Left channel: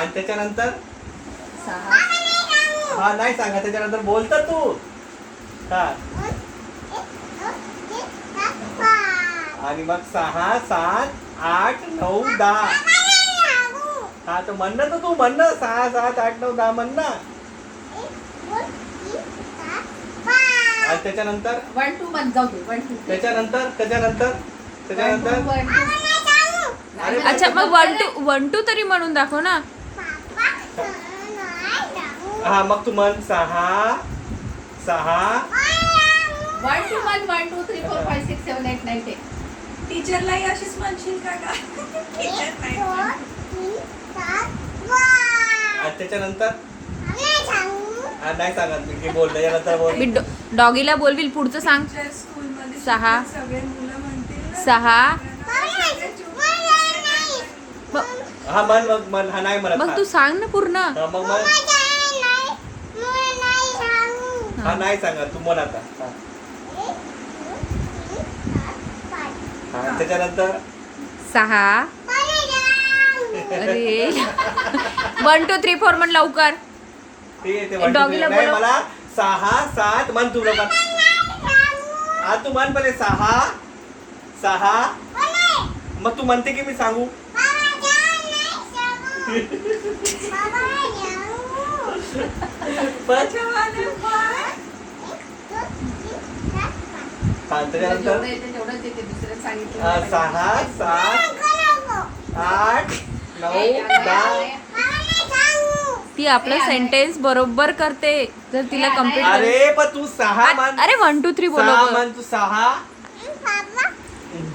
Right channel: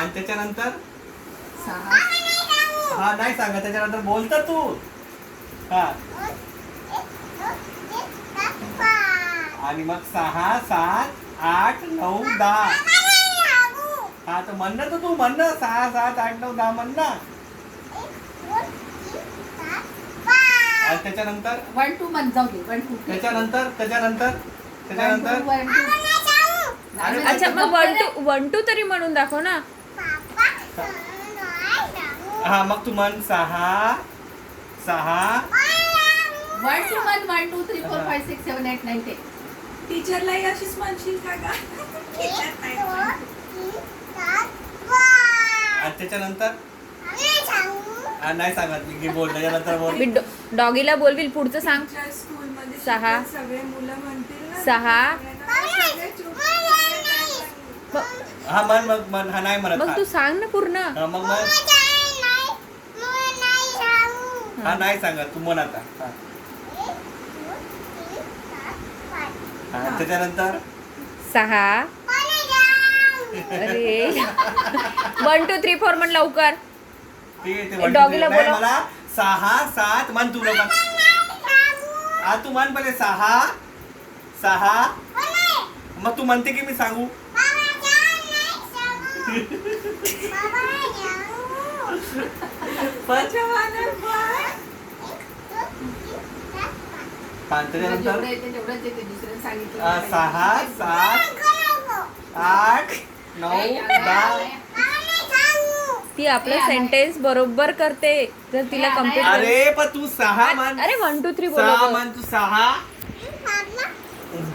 आणि त्याच्यानंतर सहा. हा नाही सांगा, त्याच्यानंतर बोलत तू. हा आणि मग 6 7 8 9 10. हा तर म्हण ना तू म्हण ना 6 7 8 9 10 म्हण ना. आणि त्याच्यानंतर 1 2 मध्ये जाऊ दे. 1 2 त्याच्यानंतर त्याच्यानंतर अरे अच्छा मग 1 2 तरी म्हणून दाखव ना. हा मग तू म्हण 6 6 1 2 1 1 2 3 4 5 6 7 8 9 10. टीचरलाही अशीच म्हणशील का गा? टीचर नाही. आणि त्याच्यानंतर नाही सांगत मी, बोल त्याच्यानंतर बोल. मी डॉगीला बोलविल पुढचं सांग. टीचर स्कूलमध्ये सहा. शिकवत सगळे मुलं म्हणतील ना, 6. सगळे चुप. हा म्हण मग म्हण. हा नाही म्हणत. मग तू सांग ना पूर्ण. हा मग म्हण. हा नाही सांगत तू म्हण आता. हा त्याच्यानंतर 6. अरे 1 2 3 4 म्हण लवकर. ठीक आहे, ते one, two, डॉगीला three. नाही, बोलव. मला 6 7 म्हण तू लोक. हा तू म्हण पहिले 6 6. मग तू म्हणते की मी सांगू. अच्छा, माझं बाळ. हा त्याच्यानंतर जेवढं येते तेवढंच येते. दुसऱ्याने सांगितलं 6 7 8 9 10. ती आपलं सेंटेन्स बरोबर करते जर तिला कम्प्लीट. अरे पण तू 6 म्हण. अरे 1 2 3 सहा बोल. म्हण तू 6